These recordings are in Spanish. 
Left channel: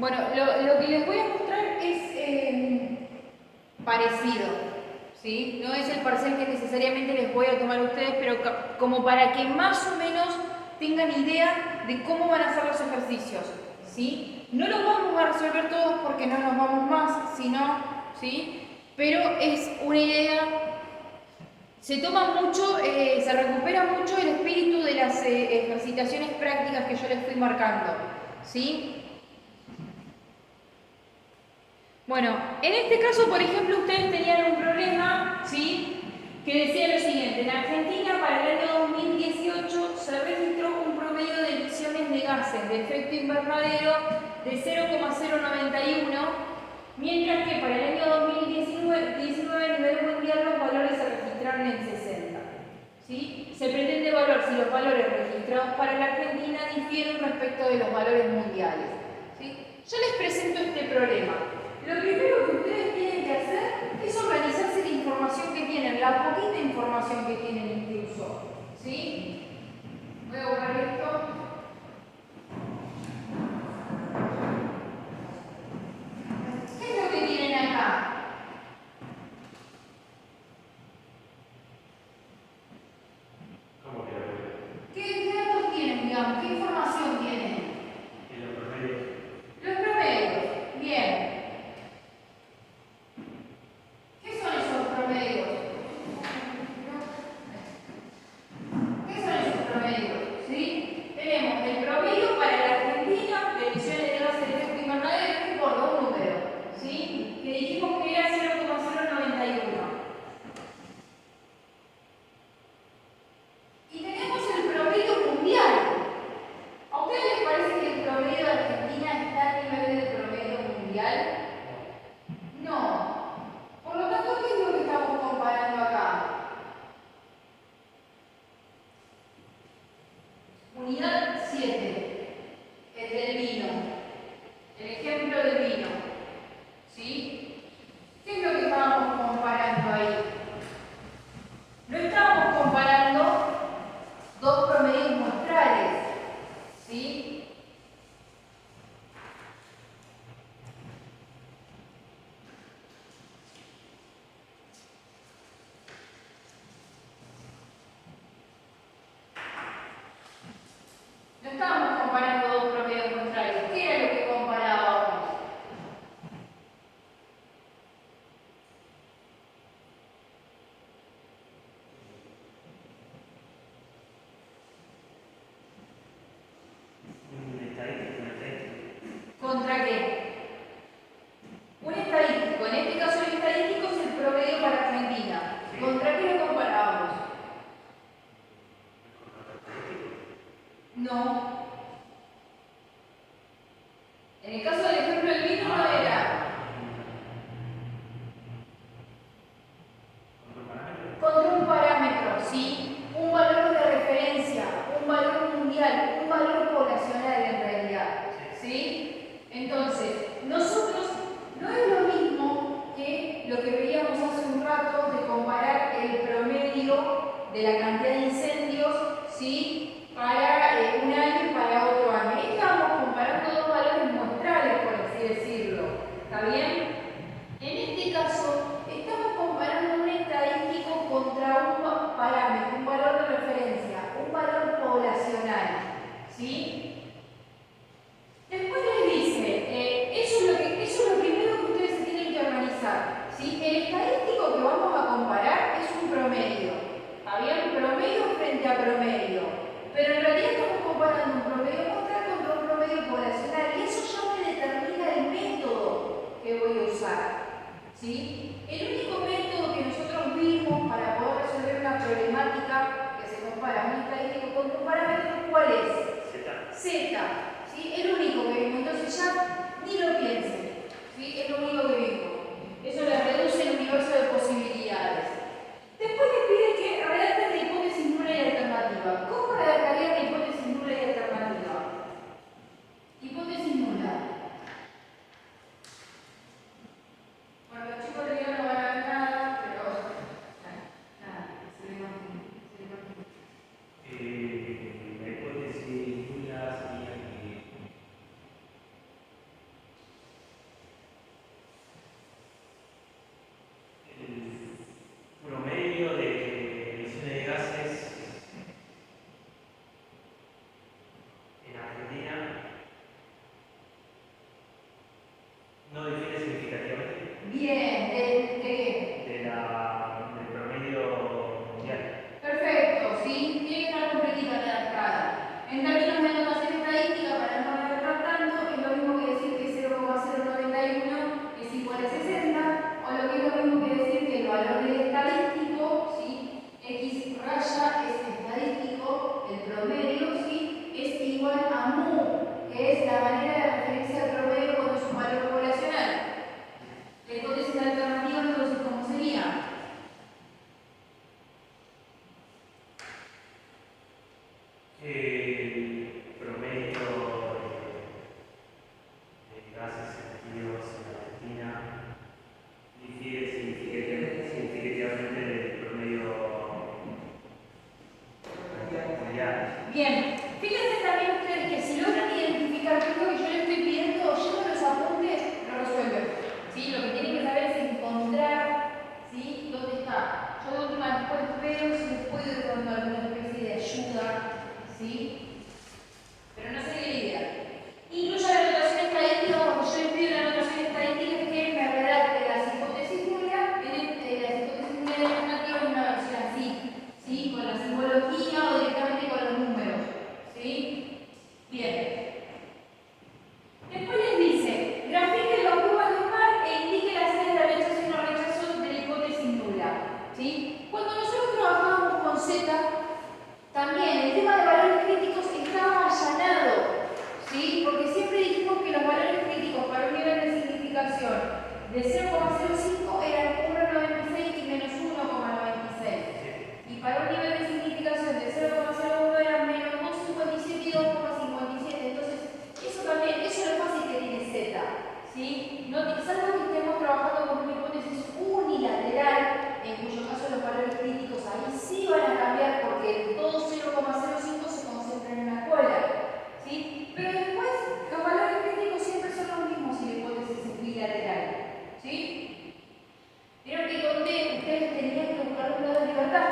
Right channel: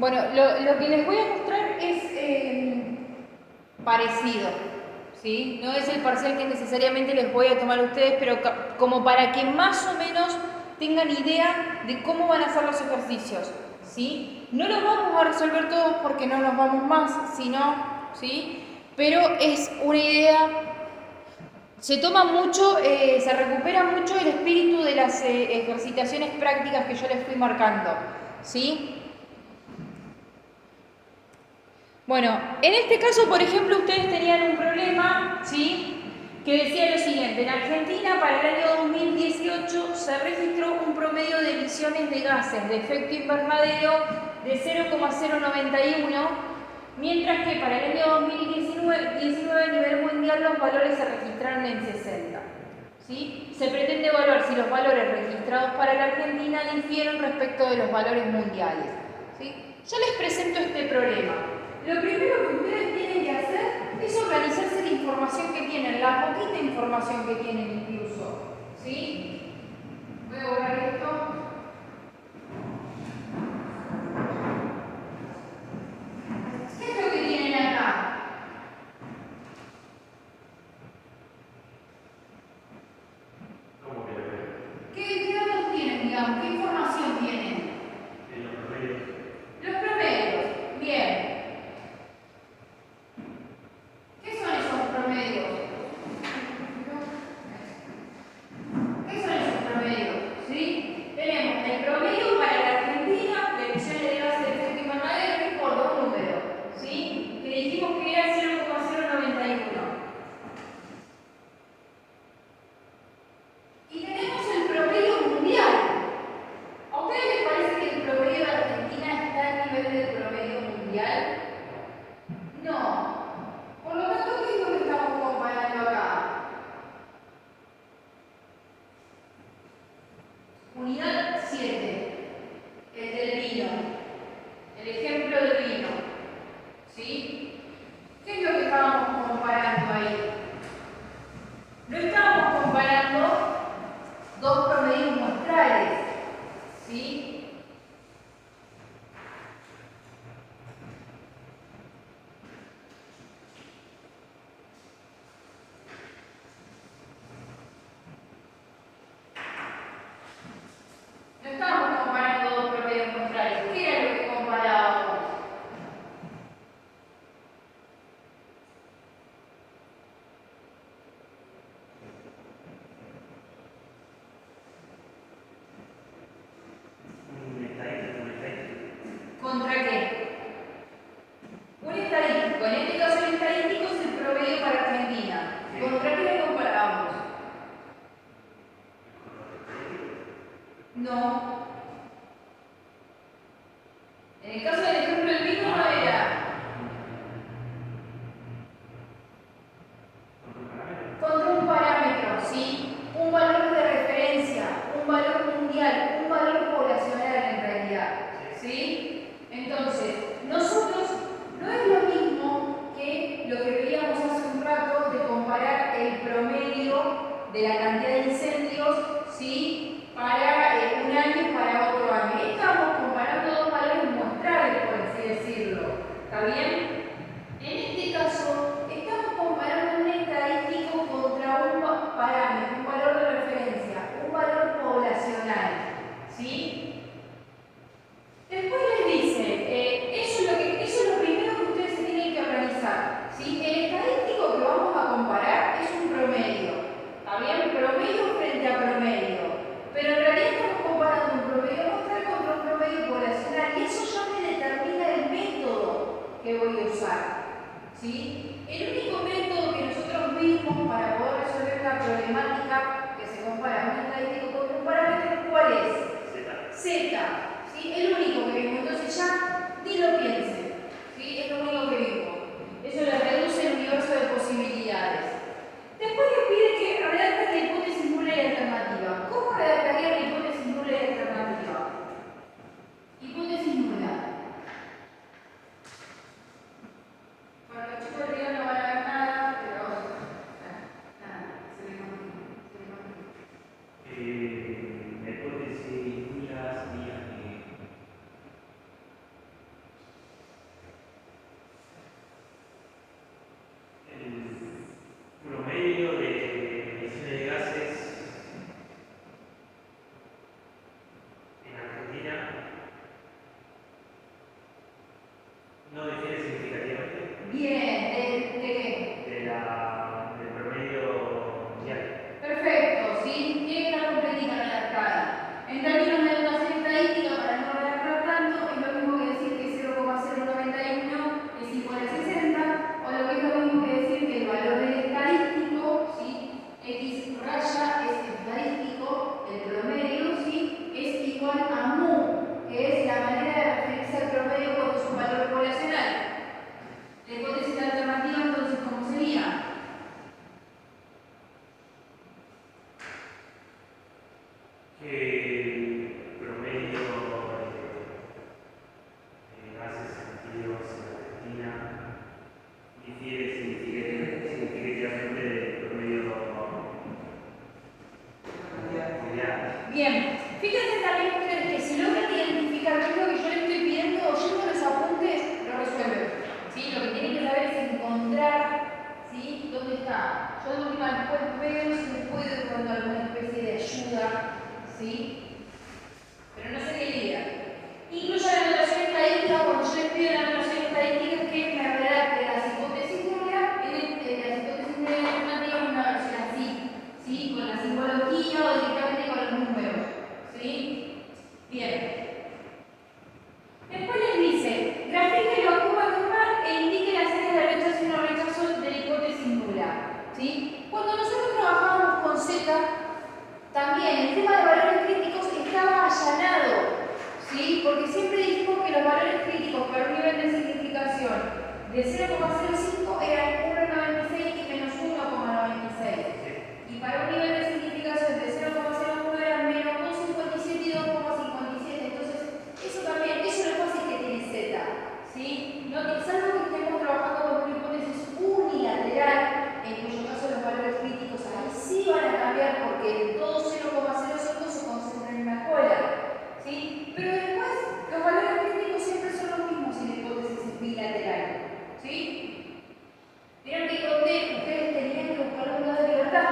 Bueno, lo que les voy a mostrar es parecido, ¿sí? No es el parcial que necesariamente les voy a tomar a ustedes, pero como para que más o menos tengan idea de cómo van a ser los ejercicios, ¿sí? No los vamos a resolver todos porque no nos vamos más, sino, ¿sí? Pero es una idea, se toma mucho, se recupera mucho el espíritu de las ejercitaciones prácticas que yo les fui marcando, ¿sí? Bueno, en este caso, por ejemplo, ustedes tenían un problema, ¿sí? Que decía lo siguiente: en Argentina para el año 2018 se registró un promedio de emisiones de gases de efecto invernadero de 0,091, mientras que para el año 2019 a nivel mundial los valores se registraron en 60. ¿Sí? Se pretende evaluar si los valores registrados para la Argentina difieren respecto de los valores mundiales. ¿Sí? Ya les presento este problema. Lo primero que ustedes tienen que hacer es organizarse la información que tienen, la poquita información que tienen incluso. ¿Sí? Voy a borrar esto. ¿Qué es lo que tienen acá? ¿Qué datos tienen, digamos? ¿Qué información tienen? Los promedios. Los promedios. Bien. ¿Qué son esos promedios? ¿Qué son esos promedios? ¿Sí? Tenemos el promedio para la Argentina de emisiones de gases de efecto invernadero, no importa, un número, ¿sí? Que dijimos que era 0,091. Y tenemos el promedio mundial. ¿A ustedes les parece que el promedio de Argentina está a nivel del promedio mundial? No. Por lo tanto, ¿qué es lo que estamos comparando acá? Unidad 7, el del vino, el ejemplo del vino, ¿sí? ¿Qué es lo que estábamos comparando ahí? No estábamos comparando dos promedios muestrales, ¿sí? No estábamos comparando dos promedios muestrales. ¿Qué era lo que comparábamos? ¿Contra qué? Un estadístico. En este caso el estadístico es el promedio para Argentina. ¿Contra qué lo comparábamos? No. En el caso del ejemplo del vino no era contra un parámetro, ¿sí? Un valor de referencia, un valor mundial, un valor poblacional en realidad, ¿sí? Entonces, nosotros no es lo mismo que lo que veíamos hace un rato de comparar el promedio de la cantidad de incendios, ¿sí? Para un año y para otro año. Ahí estábamos comparando dos valores muestrales, por así decirlo. ¿Está bien? En este caso, estamos comparando un estadístico contra un parámetro, un valor de referencia, un valor poblacional, ¿sí? Después les dice, eso es lo primero que ustedes se tienen que organizar, ¿sí? El estadístico que vamos a comparar es un promedio, ¿está bien? Promedio frente a promedio, pero en realidad estamos comparando un promedio muestral contra un promedio poblacional y eso ya me determina el método que voy a usar. ¿Sí? El único método que nosotros vimos para poder resolver una problemática que se compara un estadístico contra un parámetro, ¿cuál es? Z. ¿Sí? El único que vimos. Entonces ya ni lo piensen. ¿Sí? Es lo único que vimos. Eso le reduce el universo de posibilidades. Después le pide que redacten la hipótesis nula y alternativa. ¿Cómo redactaría la hipótesis nula y alternativa? Hipótesis nula. Bueno, los chicos de no van a ver nada, pero nada, se le mantiene. La hipótesis nula sería que que los valores críticos para un nivel de simplificación de 0,05 eran 1,96 y menos 1,96. Y para un nivel de simplificación de 0,01 eran menos 2,57 y 2,57. Entonces, eso también, eso es lo fácil que tiene Z. ¿Sí? No, salvo que estemos trabajando con una hipótesis unilateral, en cuyo caso los valores críticos ahí sí van a cambiar porque todo 0,05 se concentra en una cola. ¿Sí? Pero después, los valores críticos siempre son los mismos si la hipótesis es bilateral. ¿Sí? Vieron que conté, ustedes tenían que buscar un grado de libertad.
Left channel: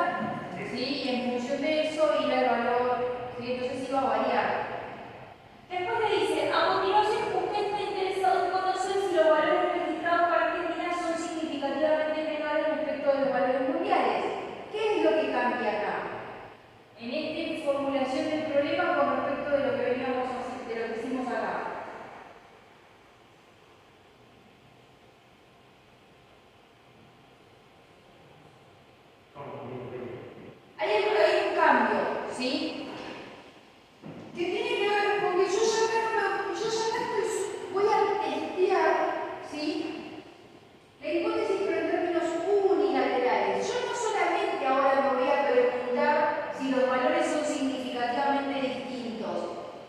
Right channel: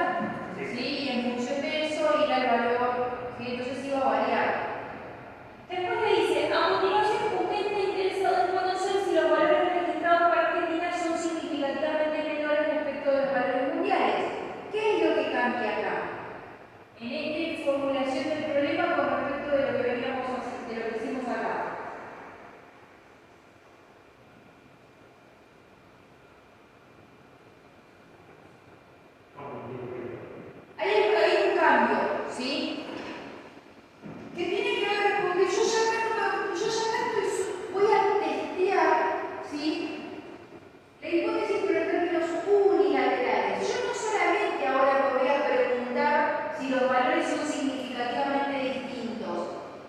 ¿Sí? Y en función de eso ir al valor. ¿Sí? Entonces iba a variar. Después le dice, a continuación, usted está interesado en conocer si los valores registrados para Argentina son significativamente menores respecto de los valores mundiales. ¿Qué es lo que cambia acá? En esta formulación del problema con respecto de lo que veníamos a hacer, de lo que hicimos acá. Hay un cambio, ¿sí? Que tiene que ver con que yo ya voy a testear, ¿sí? La hipótesis por en términos unilaterales. Yo no solamente ahora me voy a preguntar si los valores son significativamente distintos.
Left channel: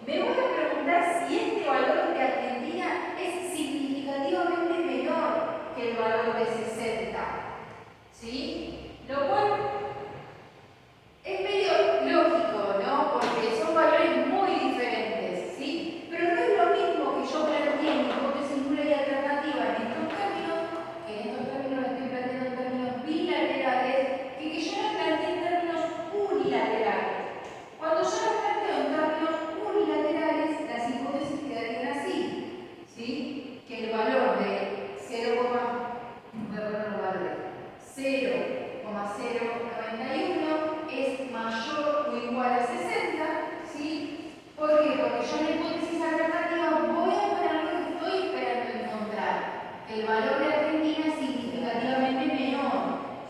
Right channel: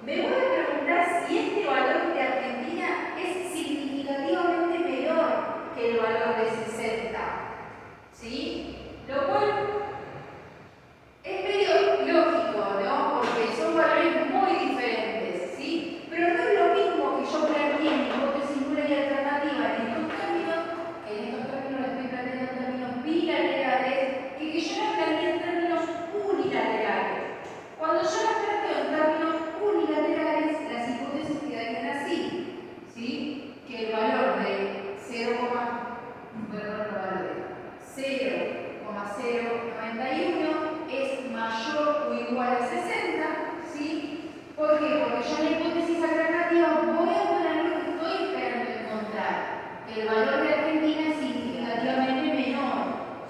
Me voy a preguntar si este valor de Argentina es significativamente menor que el valor de 60. ¿Sí? Lo cual es medio lógico, ¿no? Porque son valores muy diferentes, ¿sí? Pero no es lo mismo que yo planteé mi hipótesis nula y alternativa en estos términos, que en estos términos estoy planteando en términos bilaterales, que yo las planteé en términos unilaterales. Cuando yo las planteo en términos unilaterales, las hipótesis quedarían así, ¿sí? Que el valor de 0,091 es mayor o igual a 60, ¿sí? ¿Por qué? Porque yo en la hipótesis alternativa voy a poner lo que estoy esperando encontrar. El valor de Argentina es significativamente menor,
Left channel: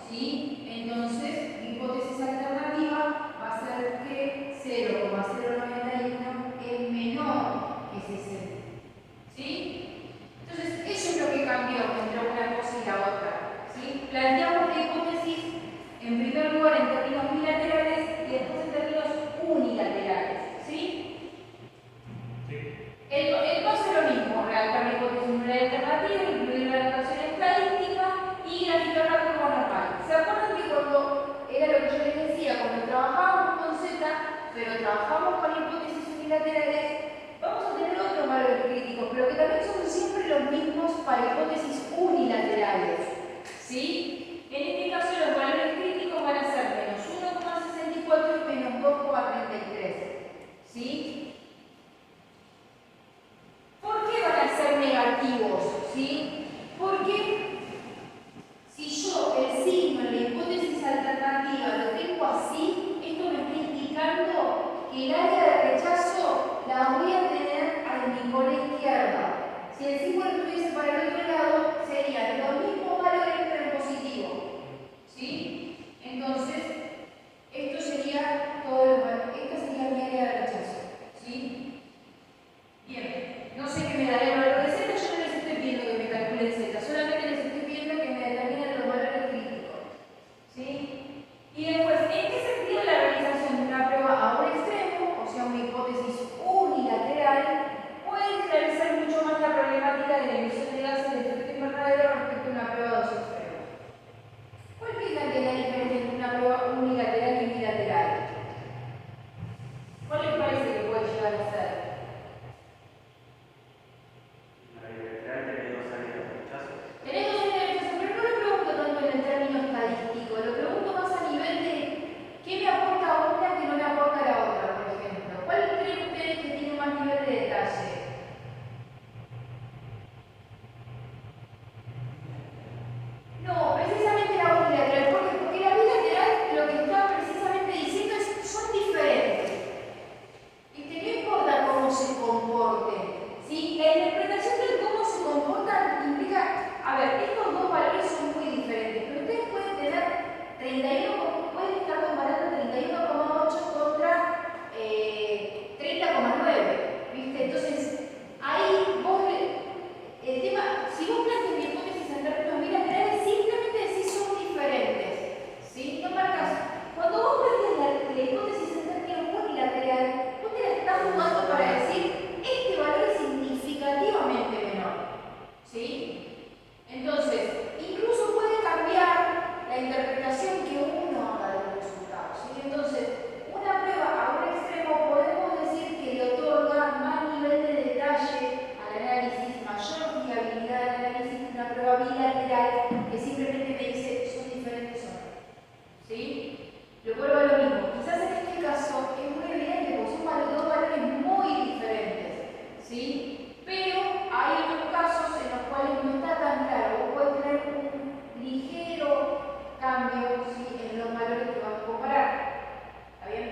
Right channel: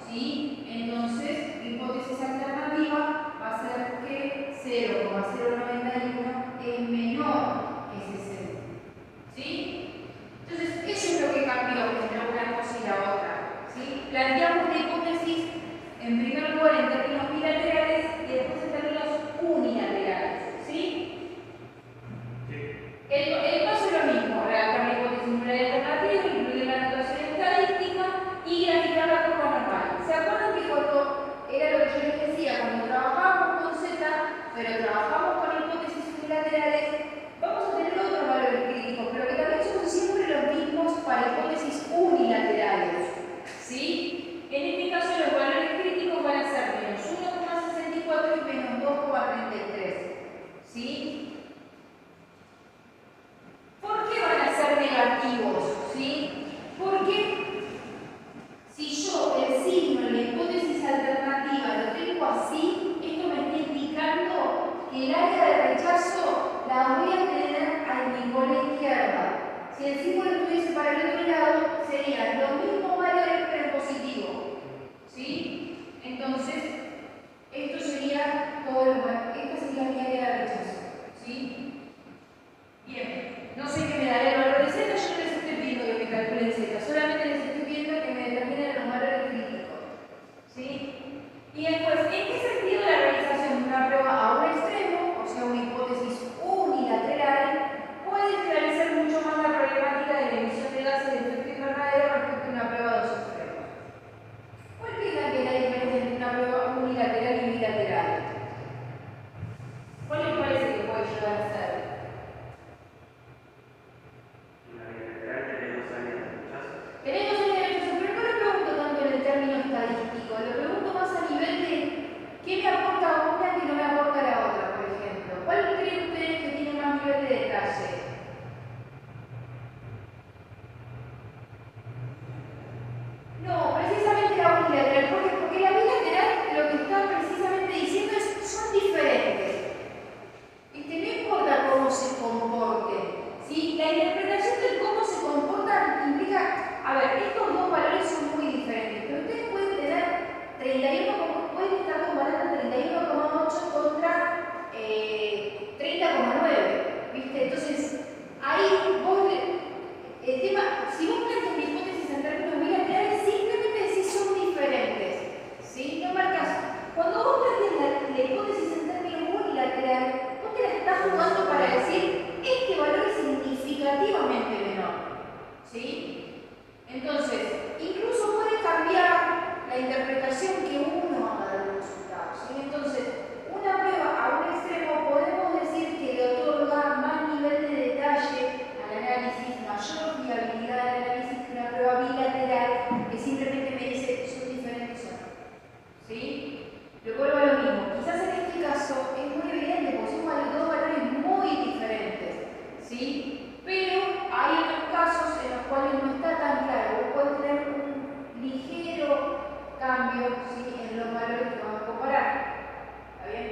¿sí? Entonces, mi hipótesis alternativa va a ser que 0,091 es menor que 60, ¿sí? Entonces, eso es lo que cambió entre una cosa y la otra, ¿sí? Planteamos la hipótesis en primer lugar en términos bilaterales y después en términos unilaterales, ¿sí? El paso es lo mismo, redactar la hipótesis nula y alternativa, incluir una notación estadística y graficar la curva normal. ¿Se acuerdan que cuando era lo que yo les decía, cuando trabajábamos con Z, pero trabajamos con hipótesis unilaterales, vamos a tener otros valores críticos, pero que también son siempre los mismos para hipótesis unilaterales, ¿sí? En este caso los valores críticos van a ser menos 1,64 y menos 2,33, ¿sí? ¿Por qué van a ser negativos? ¿Sí? Porque si yo el signo en la hipótesis alternativa lo tengo así, esto me está indicando que el área de rechazo la voy a tener a mi cola izquierda. Si el símbolo estuviese para el otro lado, serían los mismos valores pero en positivo. ¿Sí? Entonces, esto sería todo esta sería mi área de rechazo. ¿Sí? Bien. No sé qué me dará el valor de Z, yo no les estoy pidiendo que me calculen Z, solamente les estoy pidiendo que me determinen los valores críticos. ¿Sí? Y después, ¿en qué sentido la realización de una prueba a un extremo, o sea, una hipótesis unilateral, puede esclarecer mucho más la problemática de la emisión de gases de efecto invernadero respecto a una prueba a dos extremos? ¿Cuál piensan que es la diferencia entre una prueba unilateral y bilateral? ¿Cuál les parece que puede llegar a ser? Tenés dos áreas de rechazo, pero no lo pregunto tanto en el término estadístico, lo pregunto hay otros casos en los cuales no está tan claro. Vos podés tener un ligero cambio, ¿sí?, en los valores que vamos a comparar. ¿Está bien?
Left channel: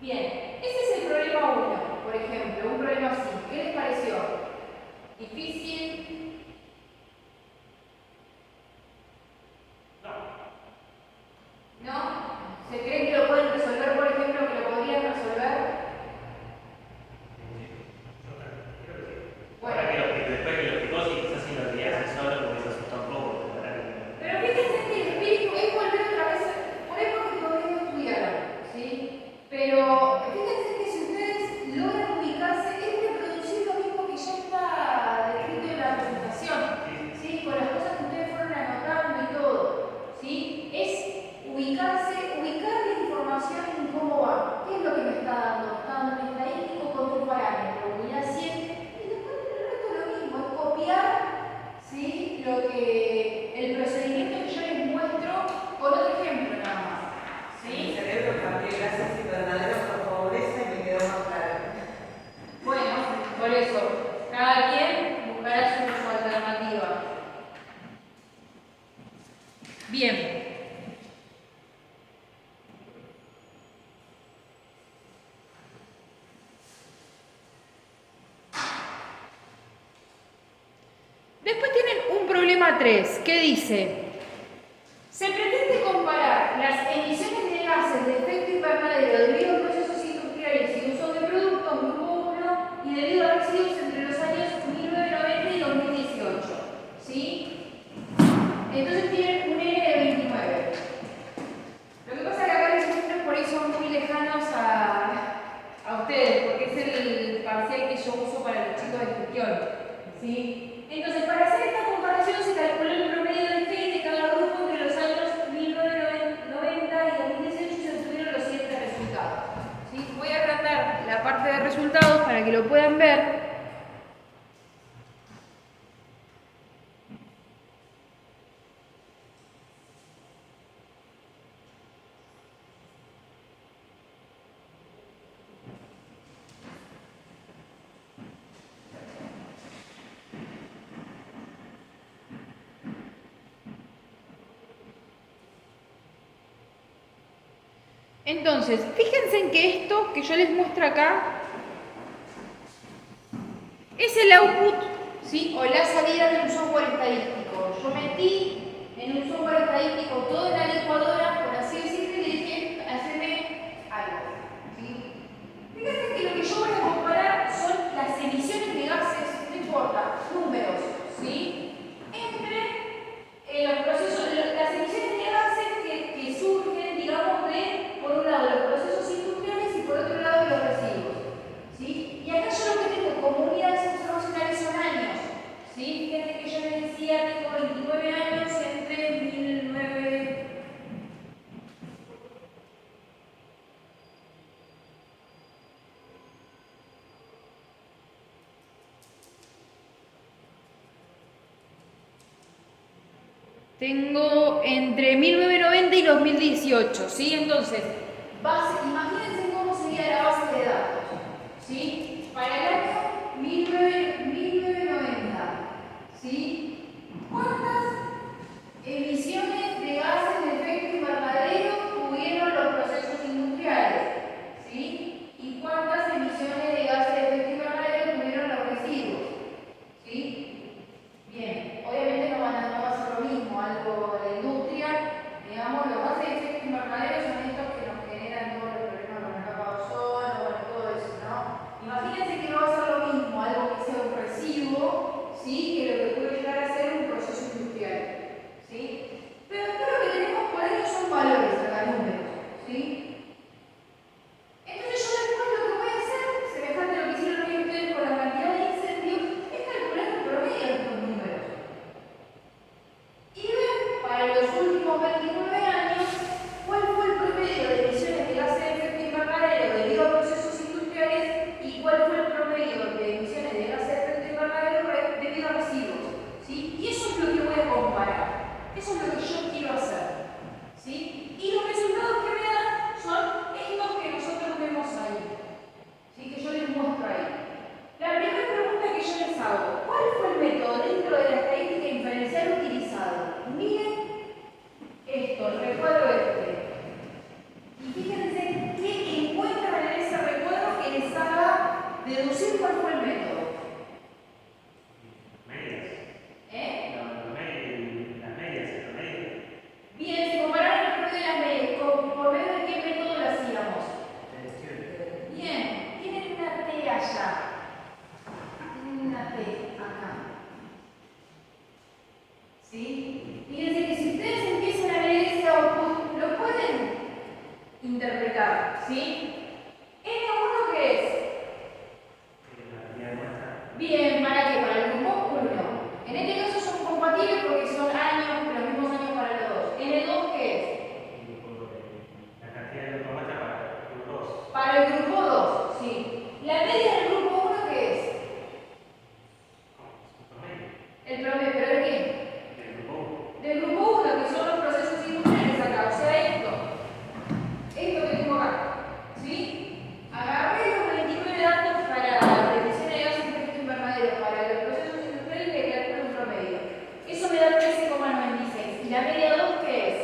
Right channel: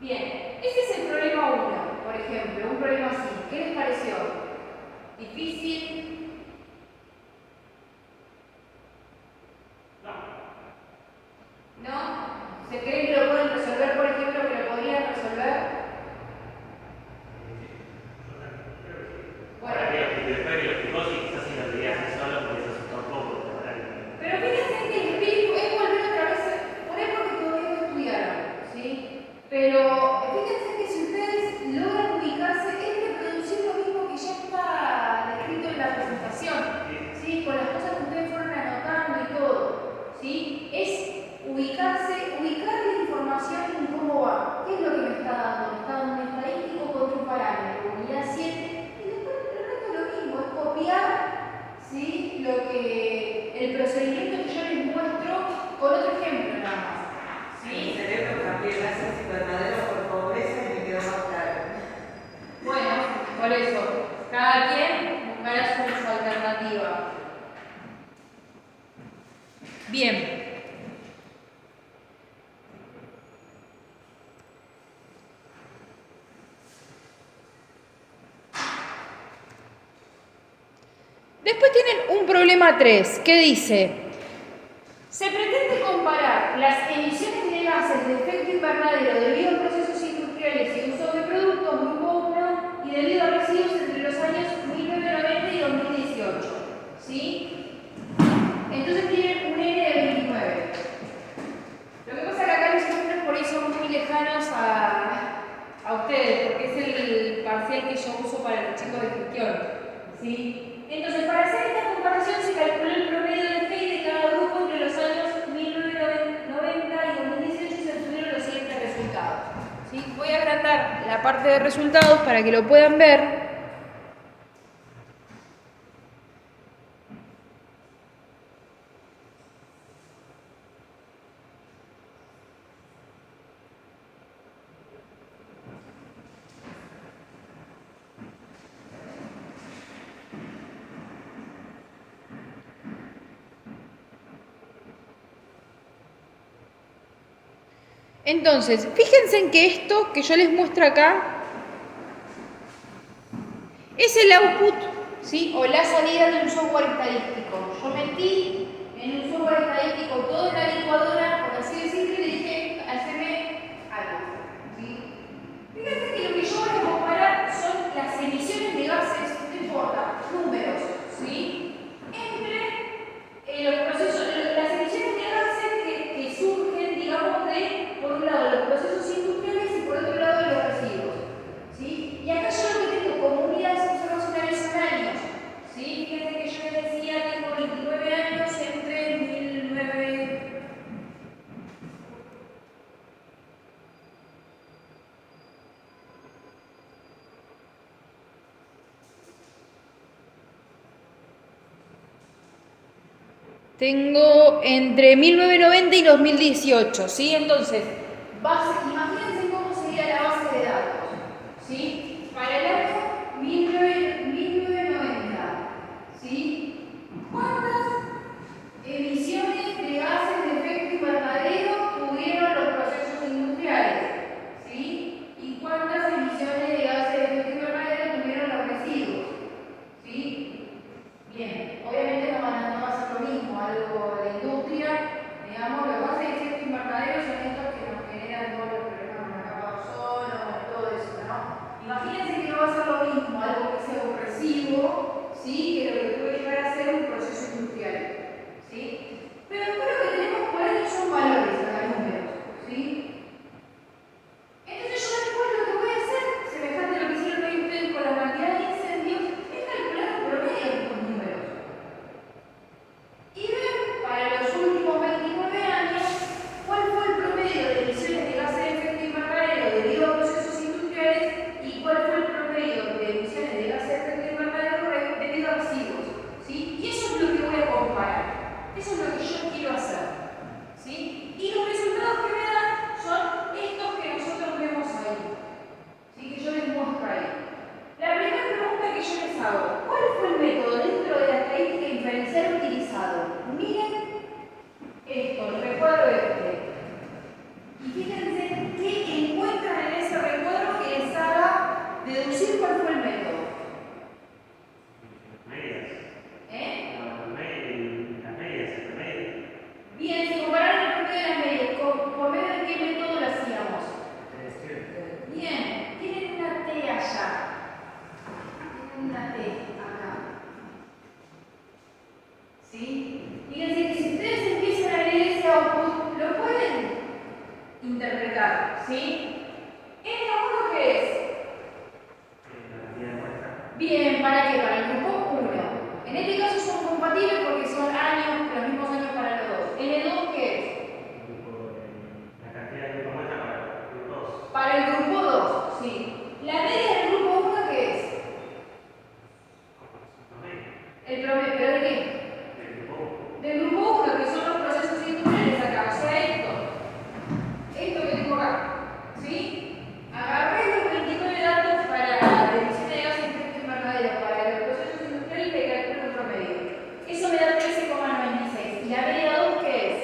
Bien, ese es el problema 1, por ejemplo, un problema así. ¿Qué les pareció? ¿Difícil? ¿No? ¿Se creen que lo pueden resolver, por ejemplo, que lo podrían resolver? Bueno. Después que lo explicó, si quizás en realidad se solo porque se asustó un poco. Pero fíjense que el espíritu es volver otra vez, por eso porque todavía no estudiaron, ¿sí? Pero fíjense que si ustedes logran ubicarse, es reproducir lo mismo que ya está descrito en la presentación, ¿sí? Con las cosas que ustedes fueron anotando y todo, ¿sí? Es ubicarse, ubicar la información en cómo va. ¿Qué es lo que me está dando? Me está dando un estadístico con un parámetro, unidad 7, y después el resto es lo mismo, es copiar, ¿sí?, el procedimiento que yo les muestro con otro ejemplo nada más. ¿Sí? Mi cerebro cambié gracias invernaderos por pobreza y me quedó más claro. Bueno, por eso, cada quien buscará su alternativa. Bien. Después tienen un problema 3, que dice: se pretende comparar las emisiones de gases de efecto invernadero debido a procesos industriales y uso de productos muy pobres y debido a residuos entre los años 1990 y 2018. ¿Sí? Entonces tienen un N de 29. Lo que pasa es que acá los ejemplos por ahí son muy lejanos a ustedes, porque es el parcial que yo uso para los chicos de gestión. ¿Sí? Entonces, para hacer esta comparación se calculó el promedio de FEI de cada grupo entre los años 1990 y 2018 y se obtuvieron los siguientes resultados. ¿Sí? Voy a agrandar la parte de resultados para que lo puedan ver. Entonces, fíjense en que esto que yo les muestro acá es el output, ¿sí?, o la salida de un software estadístico. Yo metí en un software estadístico toda la licuadora, por así decirlo, y le dije, haceme algo. ¿Sí? Fíjense que lo que yo voy a comparar son las emisiones de gases, no importa, números, ¿sí?, entre los procesos, las emisiones de gases que surgen, digamos, de, por un lado, los procesos industriales y por otro lado, los residuos. ¿Sí? Y acá yo lo que tengo como unidades observacionales son años. ¿Sí? Fíjense que yo les decía, tengo 29 años entre 1900. Tengo entre 1990 y 2018, ¿sí? Entonces, imagínense cómo sería la base de datos, ¿sí? Para el año 1990, ¿sí? ¿Cuántas emisiones de gases de efecto invernadero tuvieron los procesos industriales? ¿Sí? ¿Y cuántas emisiones de gases de efecto invernadero tuvieron los residuos? ¿Sí? Bien, obviamente no va a ser lo mismo, algo de la industria, digamos, los gases de efecto invernadero son estos que nos generan todos fue el método dentro de la estadística inferencial utilizado? Miren esto, el recuadro este. Y fíjense qué encuentran en ese recuadro que les haga deducir cuál fue el método. Medias. ¿Eh? Las medias, las medias. Bien, se compararon el promedio de las medias. ¿Por medio de qué método lo hacíamos? Bien, tienen una T allá. Tienen una T acá. ¿Sí? Fíjense que si ustedes empiezan a leer ese output, lo pueden interpretar. ¿Sí? ¿N1 qué es? Bien, ¿para qué? Para el grupo 1. En este caso son compatibles porque son años, los mismos años para los dos. ¿N2 qué es? La cantidad de grupo muestra para el grupo 2. Para el grupo 2, sí. ¿La media del grupo 1 qué es? El promedio, ¿pero de qué? Del grupo 1, que son los procesos industriales acá, o sea, esto que tengo acá, ¿sí? Agarré los 29 datos para la emisión de gases de efecto invernadero para los procesos industriales y le calculo el promedio. Eso me da 13,96. ¿Y la media 2 qué es?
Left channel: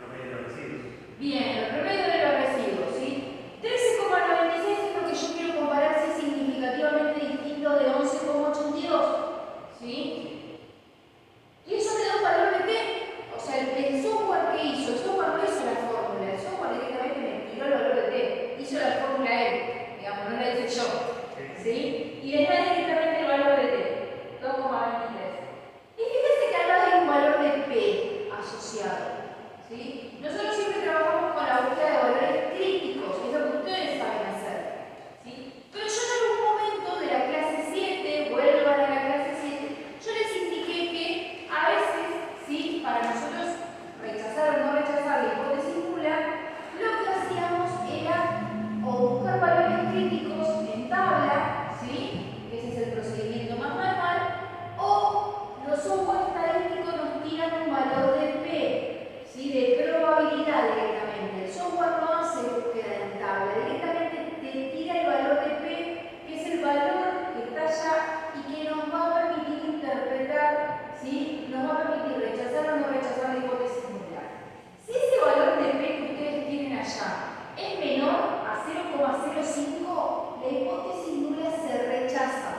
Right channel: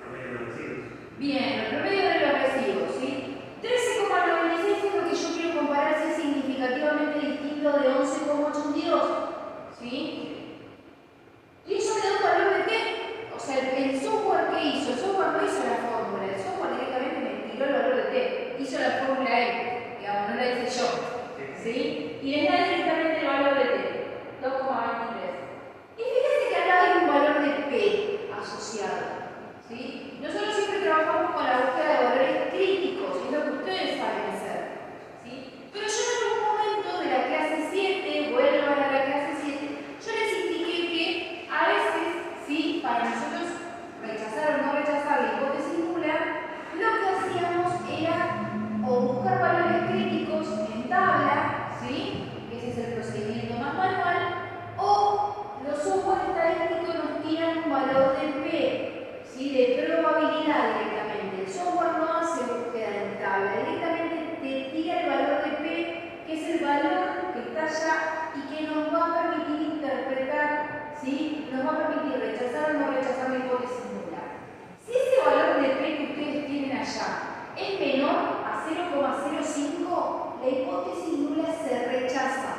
Promedio de los residuos. Bien, el promedio de los residuos, ¿sí? 13,96 es lo que yo quiero comparar si es significativamente distinto de 11,82, ¿sí? Y eso me da un valor de qué? O sea, el software que hizo, el software no hizo la fórmula, el software directamente me tiró el valor de t, hizo la fórmula él, digamos, no la hice yo, ¿sí? Y les da directamente el valor de t, 2,23. Y fíjense que acá hay un valor de p asociado, ¿sí? Nosotros siempre trabajamos con la búsqueda de valores críticos, es lo que ustedes saben hacer, ¿sí? Pero yo en algún momento de la clase 7, vuelvan a la clase 7, yo les indiqué que a veces, ¿sí? Para nosotros rechazar o no rechazar la hipótesis nula, lo que hacíamos era o buscar valores críticos en tabla, ¿sí? Ese es el procedimiento más manual, o los software estadísticos nos tiran un valor de P, ¿sí? De probabilidad directamente. El software no hace búsqueda en tabla, directamente te tira el valor de P, que es el valor que está allá y que nos va a permitir interpretar, ¿sí? Nos va a permitir rechazar o no rechazar la hipótesis nula. Si ese valor de P que ustedes tienen allá es menor a 0,05, la hipótesis nula se rechaza,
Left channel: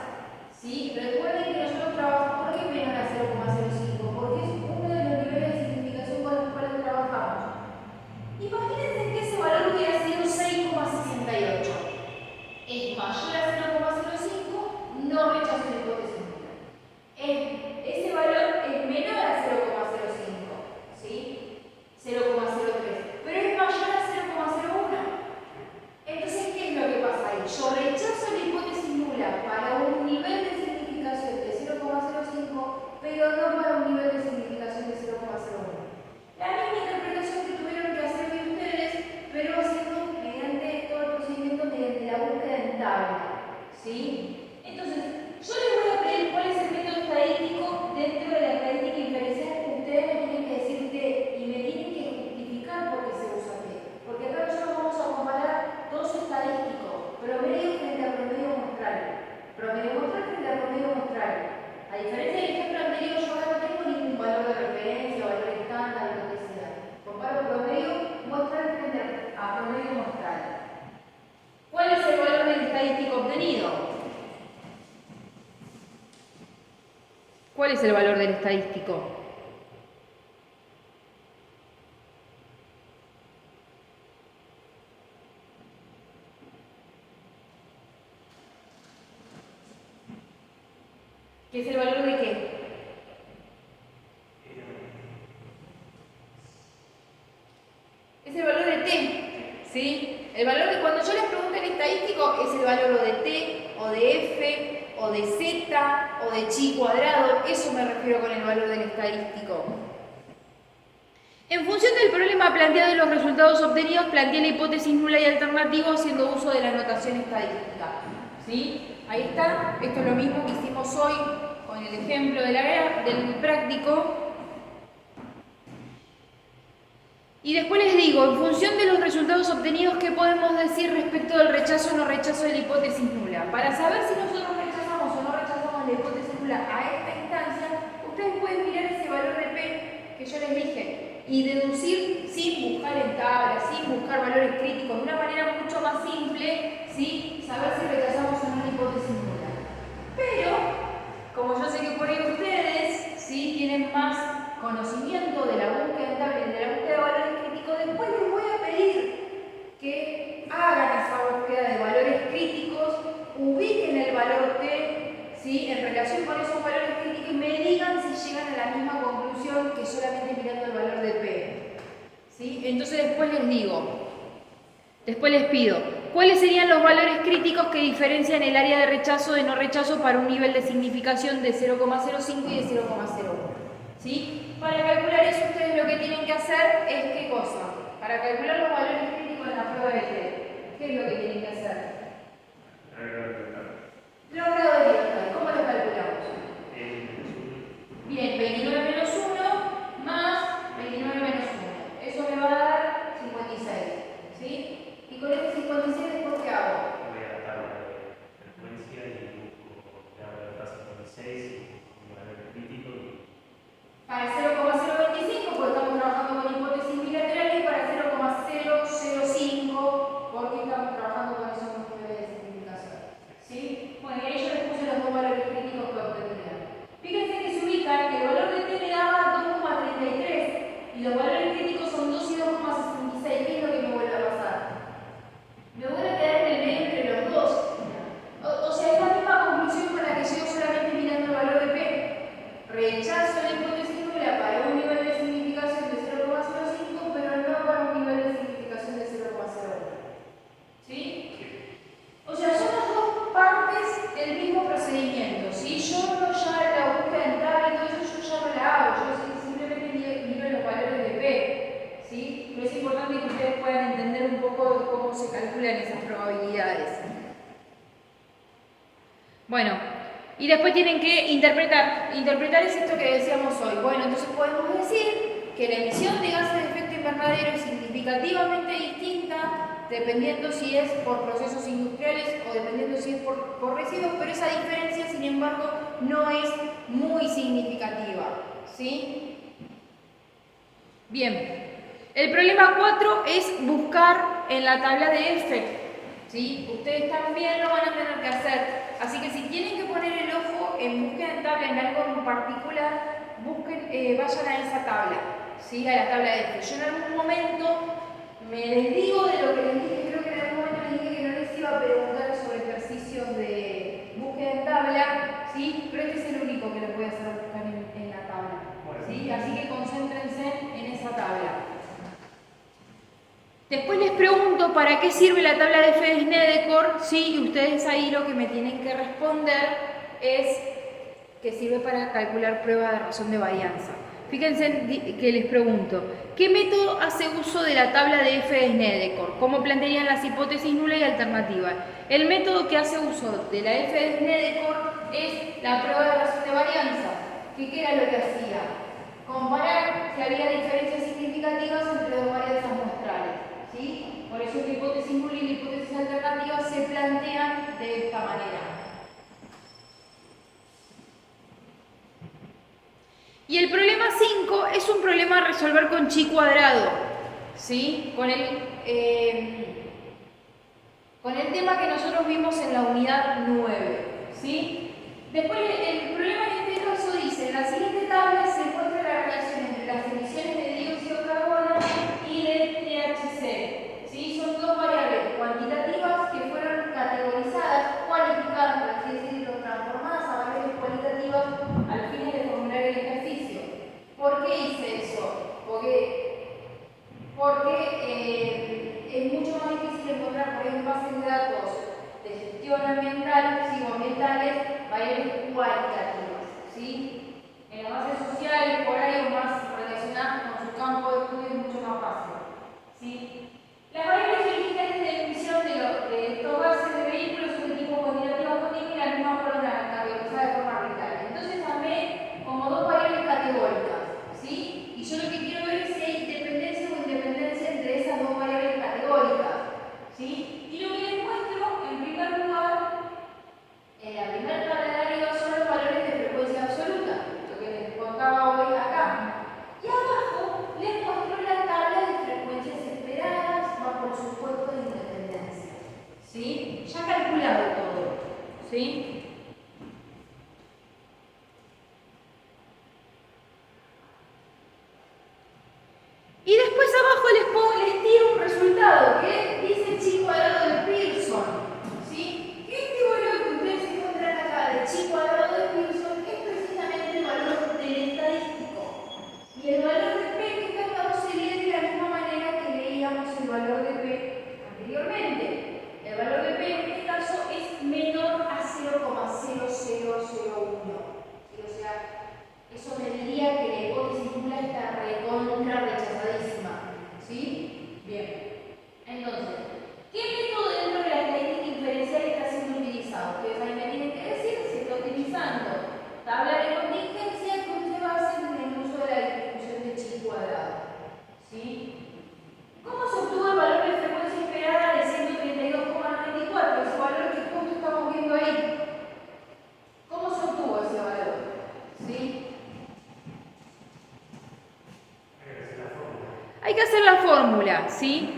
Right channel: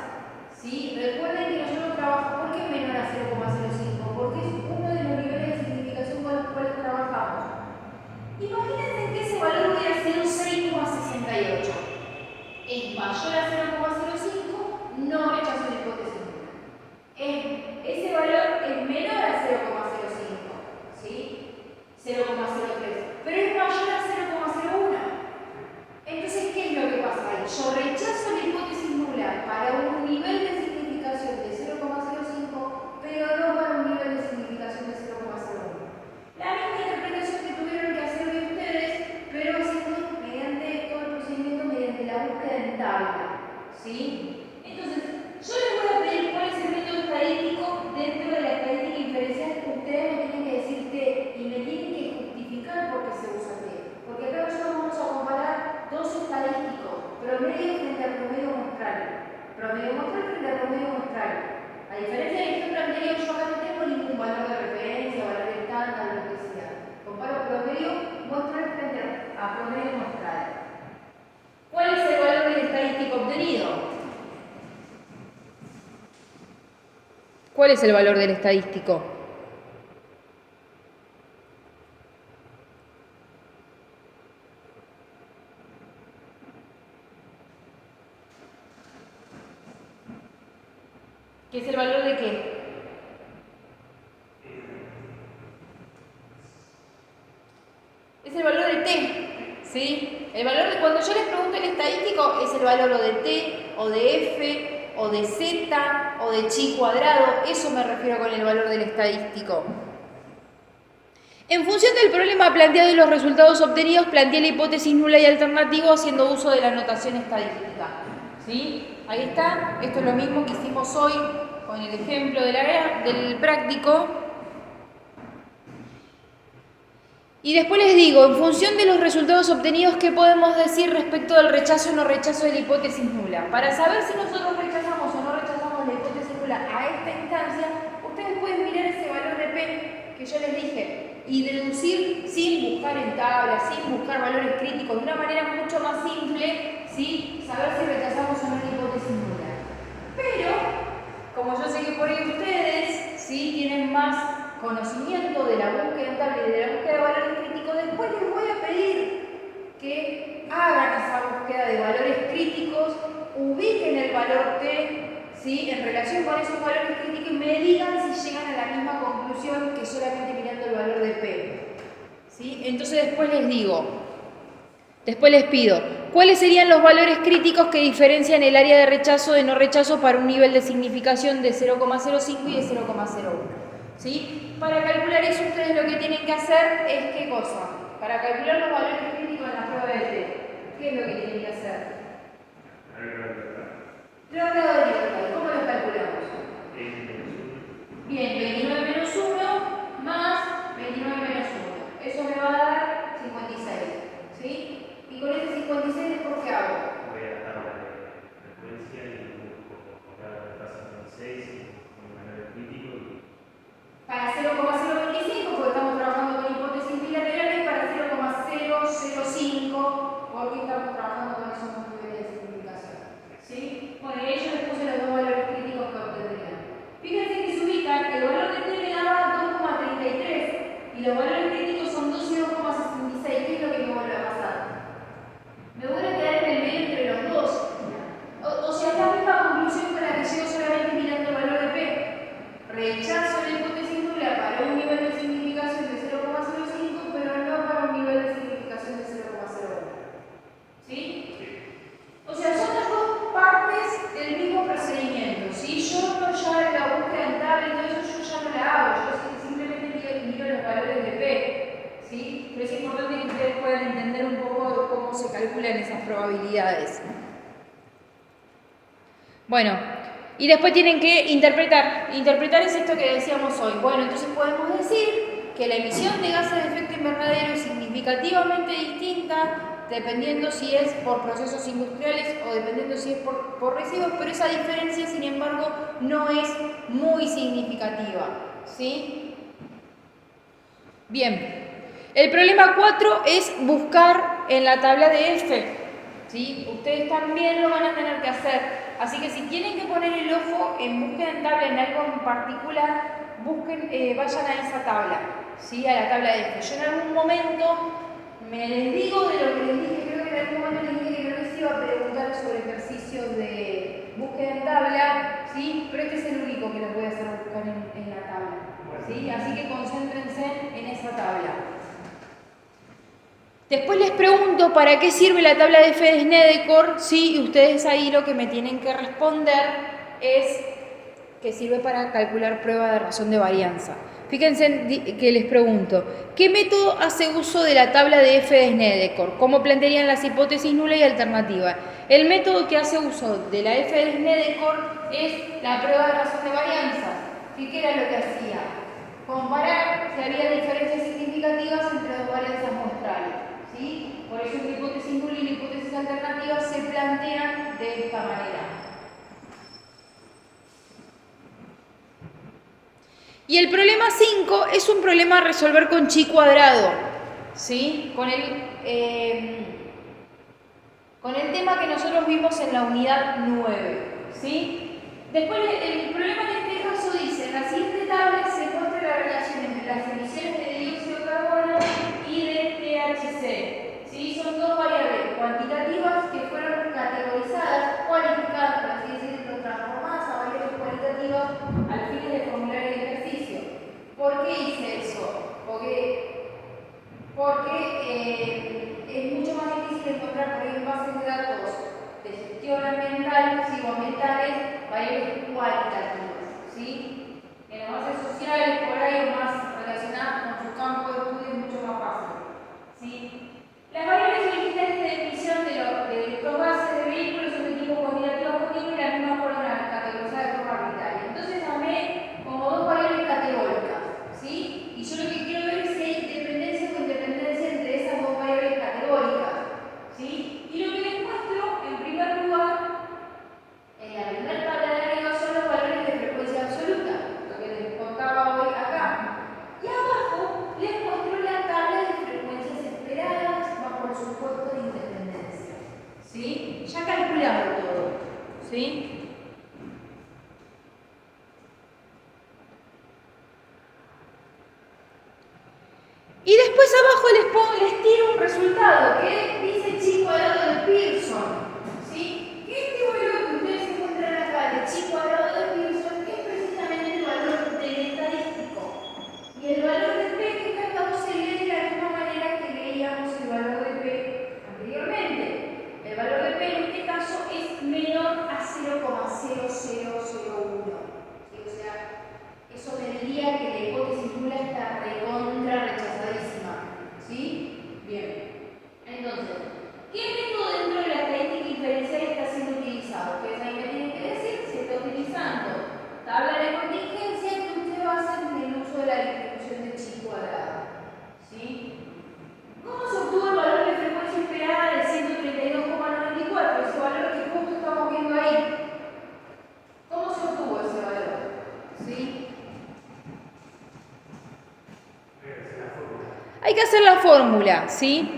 ¿sí? Recuerden que nosotros trabajamos, ¿por qué es menor a 0,05? Porque es uno de los niveles de significación con los cuales trabajamos. Imagínense que ese valor hubiera sido 6,68. Es mayor a 0,05, no rechazo la hipótesis nula. Ese valor es menor a 0,05, ¿sí? 0,03, pero es mayor a 0,01. Entonces, ¿qué es lo que pasa ahí? Yo rechazo la hipótesis nula para un nivel de significación de 0,05, pero no para un nivel de significación de 0,01. La misma interpretación que tuvieron que hacer de ustedes, pero haciendo mediante todo el procedimiento mediante la búsqueda en tabla, ¿sí? Entonces, yo les voy a pedir cuál es el método estadístico dentro de la estadística inferencial. Ustedes me tienen que decir T y me tienen que justificar por qué se usa T. Porque acá nosotros vamos a comparar dos estadísticos, promedio frente al promedio muestral. Promedio muestral frente al promedio muestral. A diferencia del ejemplo anterior, yo acá no tengo ningún valor de referencia, valor estándar, lo que sea. Comparo promedio muestral frente a promedio muestral. ¿Cuál es el valor del estadístico obtenido? ¿Cuál es el valor del estadístico? ¿Qué es el valor de qué? Es el valor de T, ¿sí? El valor de cuando yo les pregunto el estadístico es el valor o de T, o de F, o de Z, o de chi cuadrado. Eso me refiero con el valor del estadístico. En función del problema planteado y los resultados obtenidos, planteé la hipótesis nula y alternativa haciendo uso de la notación estadística, ¿sí? Ahí está, esto es lo mismo que hicimos hoy con el ejemplo del práctico. Y después les digo, en función de los resultados obtenidos, ¿qué podemos decir respecto del rechazo o no rechazo de la hipótesis nula? Para saber si nosotros rechazamos o no rechazamos la hipótesis nula a esta instancia, ustedes pueden mirar ese valor de P que yo les dije y deducir sin buscar en tablas, sin buscar valores críticos, de una manera mucho más simple, ¿sí? Saber si rechazamos o no una hipótesis nula. Pero, como yo sé que por ahí ustedes ¿sí? tienen más conocimiento de la búsqueda en tabla y de la búsqueda de valores críticos, después les voy a pedir que hagan esa búsqueda de valores críticos, ubiquen el valor T, ¿sí? En relación con esos valores críticos y me digan si llegan a la misma conclusión que solamente mirando el valor de P. ¿Sí? Entonces después les pido, ¿cuáles serían los valores críticos que diferencian el área de rechazo de no rechazo para un nivel de significación de 0,05 y de 0,01? ¿Sí? Para calcular eso ustedes lo que tienen que hacer es ¿qué cosa? Para calcular los valores críticos en la prueba de T, ¿qué es lo que tienen que hacer? Los grados de libertad, ¿cómo los calculamos? Bien, 29 menos 1 más 29 menos 1. Eso me va a dar 56. ¿Sí? Y con este 56 después ¿qué hago? Voy a la tabla de frecuencia y busco grado de fase 26 con valor crítico y Para 0,025 porque estamos trabajando con hipótesis bilaterales, para 0,005 porque estamos trabajando con esos niveles de simplificación. ¿Sí? Bueno, y yo les puse los dos valores críticos que obtendrían. Fíjense que se ubican, el valor de T me daba 2,33 y los valores críticos son 2 y 2,66. ¿Qué es lo que me vuelve a pasar? Me vuelve a quedar en el medio entre los dos. O sea, es la misma conclusión con la que llego solamente mirando el valor de P. Rechazo la hipótesis nula para un nivel de significación de 0,05, pero no para un nivel de significación de 0,01. ¿Sí? O sea, son las dos partes del mismo procedimiento. ¿Sí? Yo no ya la búsqueda en tabla y todo eso, yo ya no la hago. Yo simplemente miro los valores de P. ¿Sí? Pero es importante que ustedes puedan entender un poco cómo se calculan esas probabilidades. Bueno, y después tienen que interpretar. Interpretar es esto que decíamos hoy. Bueno, entonces podemos decir que la emisión de gases de efecto invernadero es significativamente distinta dependiendo si es por procesos industriales o dependiendo si es por residuos, pero esa diferencia, sin embargo, no es muy significativa. ¿Sí? Bien. El problema 4 es buscar en la tabla de F. ¿Sí? Ustedes también lo van a tener que hacer. Así que si tienen que poner el ojo en búsqueda en tabla en algo en particular, vayan a esa tabla, ¿sí? A la tabla de F. Yo en algún momento me desdigo de lo que les dije, creo que en algún momento les dije que no les iba a preguntar sobre ejercicios de búsqueda en tabla, ¿sí? Pero este es el único que les voy a hacer buscar en la tabla, ¿sí? Así que concéntrense en esa tabla. Después les pregunto para qué sirve la tabla de F de Snedecor, ¿sí? Y ustedes ahí lo que me tienen que responder es que sirve para calcular prueba de razón de varianza. Fíjense que les pregunto, ¿qué método hace uso de la tabla de F de Snedecor? ¿Cómo plantearían las hipótesis nula y alternativa? El método que hace uso de la F de Snedecor es la prueba de razón de varianza. ¿Qué era lo que hacía? Comparar si había diferencias significativas entre dos varianzas muestrales. ¿Sí? Por eso la hipótesis nula y la hipótesis alternativa se plantean de esta manera. Y el problema 5 es un problema a resolver con chi cuadrado, ¿sí? Con el tema que nosotros vimos en la unidad 9, ¿sí? Después el problema en este caso dice, en la siguiente tabla se muestra la relación entre las emisiones de dióxido de carbono y de THC. ¿Sí? Son dos variables cuantitativas que fueron categorizadas, cualificadas, por así decirlo, transformadas a variables cualitativas al fin de formular el ejercicio. ¿Por qué hice eso? Porque es mucho más difícil encontrar por ahí en bases de datos de gestión ambiental, ambientales, variables cualitativas. ¿Sí? En las bases sociales, por ahí, más relacionadas con su campo de estudio, es mucho más fácil. ¿Sí? Las variables originales de emisión de estos gases de vehículos son de tipo cuantitativo continuo y las mismas fueron categorizadas de forma arbitraria. Entonces armé como dos variables categóricas, ¿sí? Y yo lo que quiero ver es si hay dependencia o independencia entre esas dos variables categóricas, ¿sí? Y lo que les muestro, en primer lugar, en la primera tabla de arriba son los valores de frecuencia Y después abajo les tiro un resultado que dice chi cuadrado de Pearson. ¿Sí? Este valor que ustedes encuentran acá de chi cuadrado de Pearson es precisamente el valor del estadístico. Y el valor de P en este caso se lee de la misma manera que leíamos el valor de P anteriormente. El valor de P en este caso es menor a 0,0001. ¿Sí? O sea, eso me diría que la hipótesis nula está recontra rechazadísima. ¿Sí? Bien. Entonces, ¿qué método dentro de la estadística inferencial está siendo utilizado? Ustedes ahí me tienen que decir, se está utilizando tabla de contingencia que usted va a hacer en el uso de la distribución de chi cuadrado. ¿Sí? ¿Cómo se obtuvo el valor de frecuencia esperada de 132,94? Ese valor que justo estamos viendo ahí. ¿Cómo se obtuvo ese valor? ¿Sí? Hay que hacer la fórmula, ¿sí?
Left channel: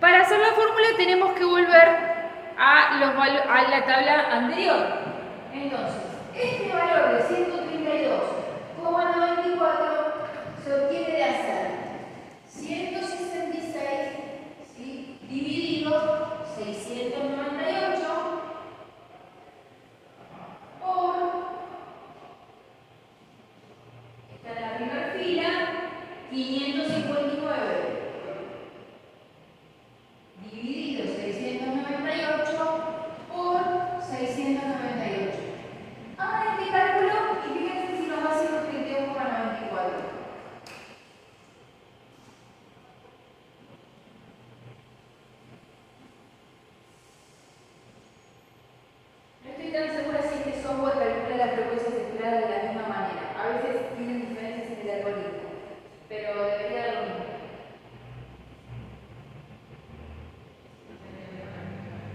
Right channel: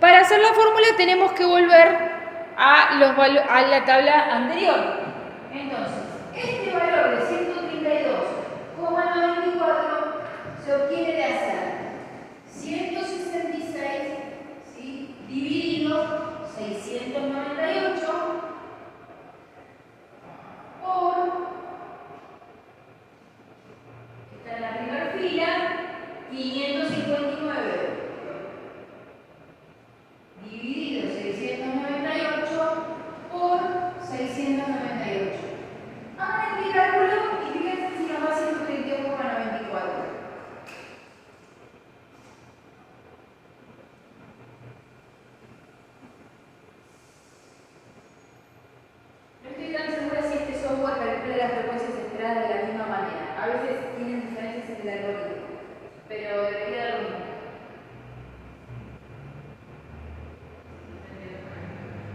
Para hacer la fórmula tenemos que volver a la tabla anterior. Entonces, este valor de 132,94 se obtiene de hacer 166, ¿sí? Dividido 698 por, está en la primera fila, 559 dividido 698 por 698. Hagan este cálculo y fíjense si nos da 132,94. No estoy tan segura si este software calcula las frecuencias esperadas de la misma manera. A veces tienen diferencias en el algoritmo, pero debería dar lo mismo.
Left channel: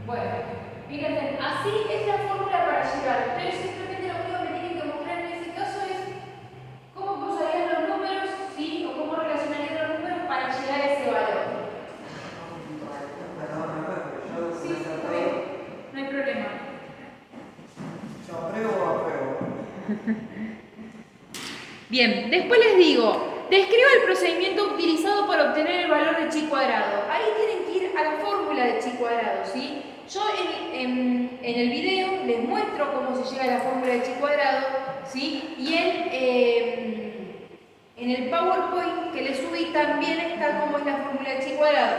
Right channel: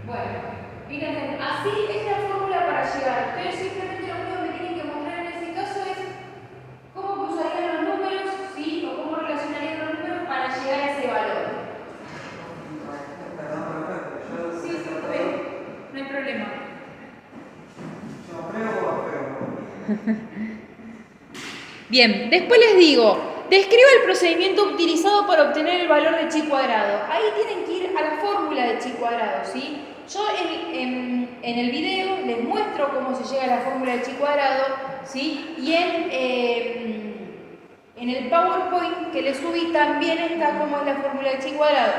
Bueno, fíjense, así es la fórmula para llegar. Ustedes simplemente lo único que me tienen que mostrar en ese caso es cómo cruzarían los números, ¿sí? O cómo relacionarían los números para llegar a ese valor. Sí, sí, no hay problema. ¿Yo apruebo o apruebo? Bien, después les digo, describa el procedimiento utilizado para obtener el valor de chi cuadrado. Ahí tienen que ir a la fórmula de chi cuadrado, ¿sí? Yo en el video les muestro cómo se llega a la fórmula de chi cuadrado, ¿sí? Y en el PowerPoint que les subí también está cómo es la fórmula de chi cuadrado,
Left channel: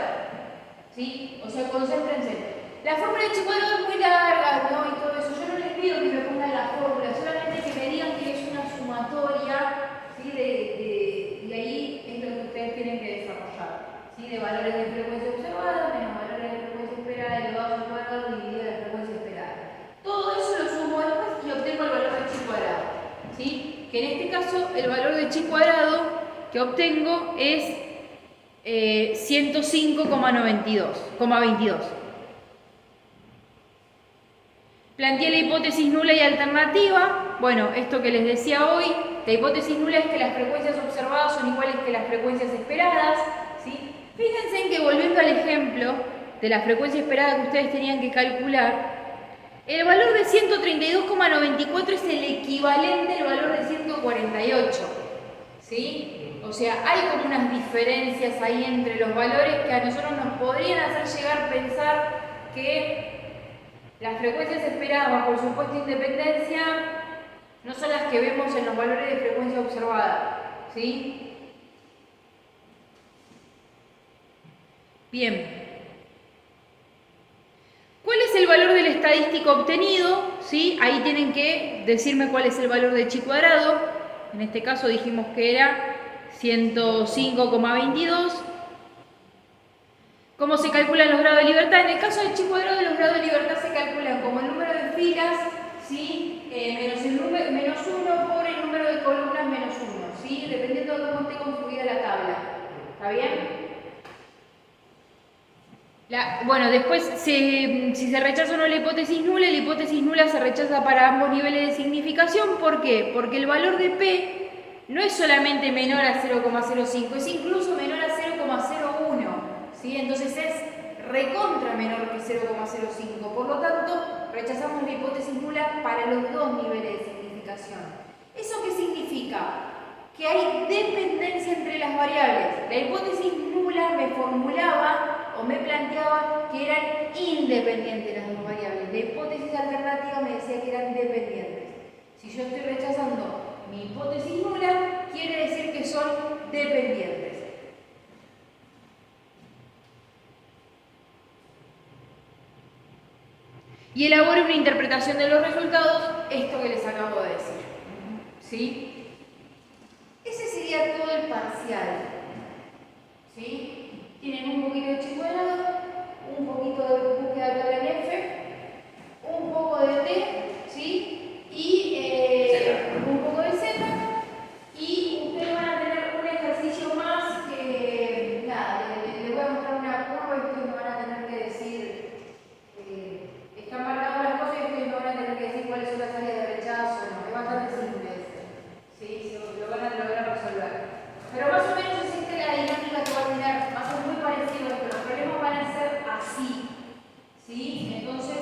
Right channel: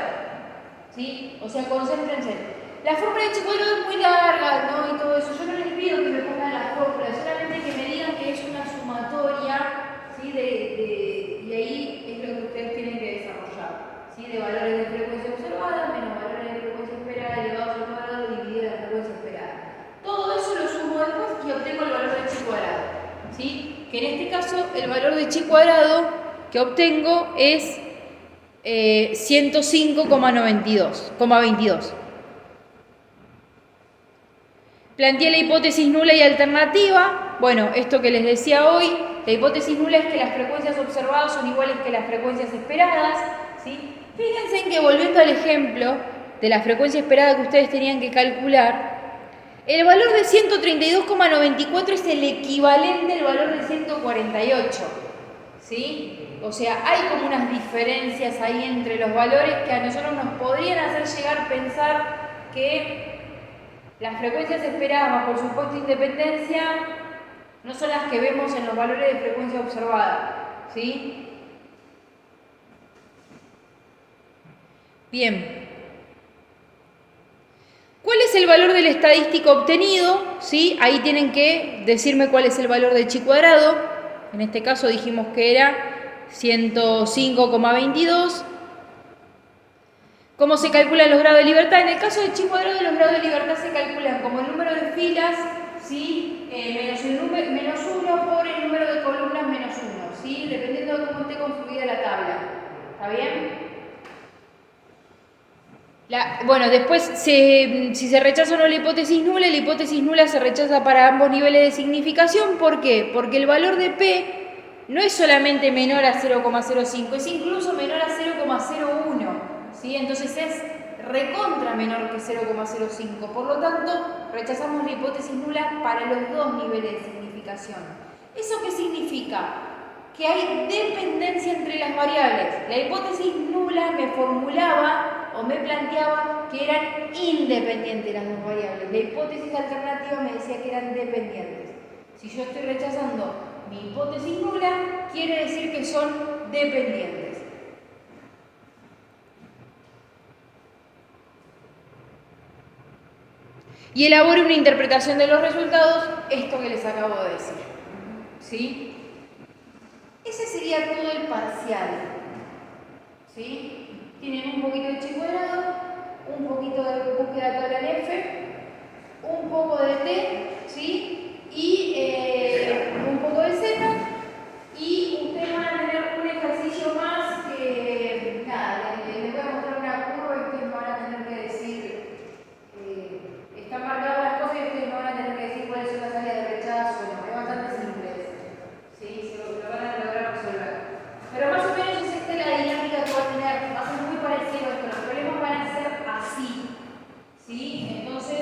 ¿sí? O sea, concéntrense. La fórmula de chi cuadrado es muy larga, ¿no? Y todo eso. Yo no les pido que me pongan la fórmula, solamente que me digan que es una sumatoria, ¿sí? Y ahí es lo que ustedes tienen que desarrollar, ¿sí? De valores de frecuencia observada menos valores de frecuencia esperada elevados al cuadrado dividido la frecuencia esperada. Todo eso lo sumo después y obtengo el valor de chi cuadrado, ¿sí? Que en este caso el valor de chi cuadrado que obtengo es 105,22. Planteé la hipótesis nula y alternativa. Bueno, esto que les decía hoy, la hipótesis nula es que las frecuencias observadas son iguales que las frecuencias esperadas, ¿sí? Fíjense en que, volviendo al ejemplo de la frecuencia esperada que ustedes tenían que calcular, el valor de 132,94 es el equivalente al valor de 148, ¿sí? O sea, hay como unas diferencias ahí entre los valores que a nosotros nos podrían hacer llegar a pensar que las frecuencias esperadas bajo el supuesto de independencia no son las que vemos en los valores de frecuencia observada, ¿sí? Bien. ¿Cuál es el valor del estadístico obtenido? ¿Sí? Ahí tienen que decirme cuál es el valor de chi cuadrado. En este caso dijimos que era 105,22. ¿Cómo se calculan los grados de libertad? En el caso de chi cuadrado, los grados de libertad se calculan como el número de filas, ¿sí? menos 1 por el número de columnas menos 1, ¿sí? Dependiendo de cómo esté construida la tabla. ¿Está bien? Bueno, después, si se rechaza o no la hipótesis nula se rechaza para ambos niveles de significación. ¿Por qué? Porque el valor de P no es solamente menor a 0,05, es incluso menor a 0,01, ¿sí? Entonces es recontra menor que 0,05. Por lo tanto, rechazamos la hipótesis nula para los dos niveles de significación. ¿Eso qué significa? que hay dependencia entre las variables. La hipótesis nula me formulaba o me planteaba que eran independientes las dos variables. La hipótesis alternativa me decía que eran dependientes. Si yo estoy rechazando mi hipótesis nula, quiere decir que son dependientes. Y elabore una interpretación de los resultados, esto que les acabo de decir. ¿Sí? Ese sería todo el parcial. ¿Sí? Tienen un poquito de chihuahua, un poquito de búsqueda de tabla en F, un poco de T, ¿sí? Y un poco de Z. Y ustedes van a tener un ejercicio más que, nada, les voy a mostrar una curva y ustedes me van a tener que decir, están marcadas las cosas y ustedes me van a tener que decir cuáles son las áreas de rechazo. No, es bastante simple esto. ¿Sí? Lo van a lograr resolver. Pero más o menos es esta la dinámica que va a tener, va a ser muy parecido a esto. Los problemas van a ser así. ¿Sí? Entonces,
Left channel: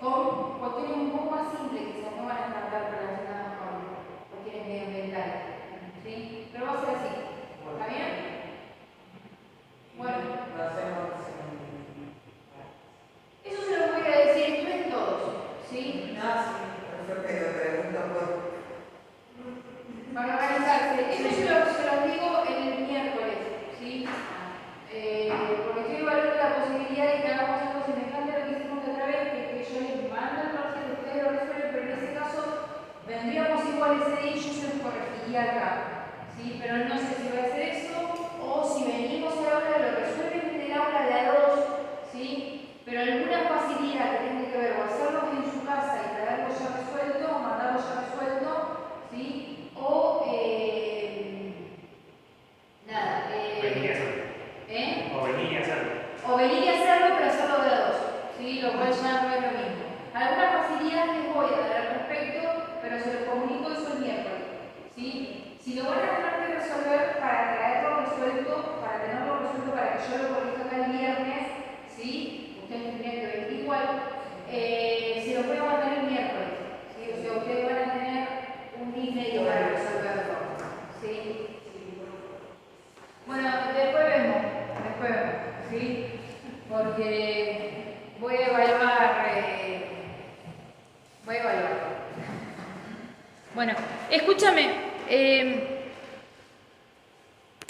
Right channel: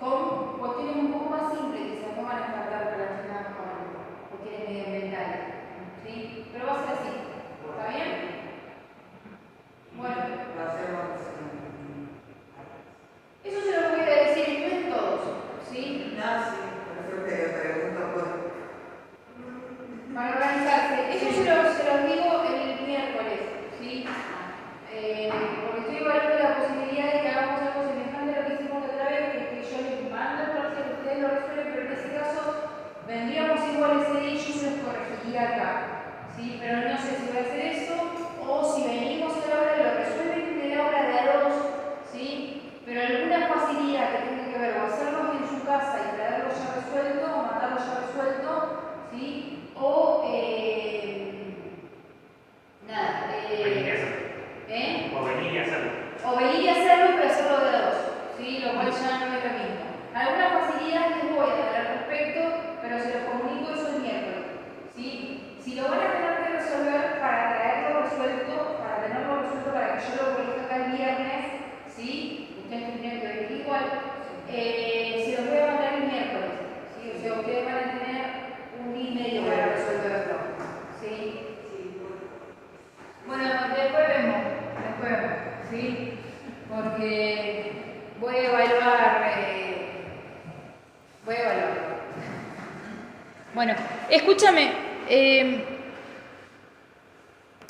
con cuestiones un poco más simples, quizás no van a estar relacionadas con cuestiones medioambientales. ¿Sí? Pero va a ser así. ¿Está bien? Bueno. Lo hacemos. Eso se lo voy a decir, no en todos. ¿Sí? No, sí, por eso te pregunto por... Para organizarse. Eso se los digo el miércoles. ¿Sí? Porque estoy evaluando la posibilidad de que hagamos algo semejante a lo que hicimos otra vez, que es que yo les mando el parcial, ustedes lo resuelven, pero en ese caso vendríamos igual ese día y yo se los corregiría acá. ¿Sí? Pero no sé si voy a hacer eso o si venimos a la hora lo resuelven en el aula de a dos. ¿Sí? Pero alguna facilidad que tenga que ver o hacerlo en su casa y traerlo ya resuelto o mandarlo ya resuelto, ¿sí? O nada. O venir y hacerlo, pero hacerlo de a dos. ¿Sí? Lo cual ya no es lo mismo. Alguna facilidad les voy a dar al respecto, pero se los comunico eso el miércoles. ¿Sí? Si lo van a tener que resolver para traerlo resuelto, para tenerlo resuelto para que yo lo corrija acá el viernes, ¿sí? Ustedes tendrían que venir igual. Se los voy a mandar el miércoles. ¿Sí? O sea, ustedes van a tener un día y medio para resolverlo. ¿Sí? Bueno, después vemos. ¿Sí? Porque voy a evaluar. Bueno, escúchame.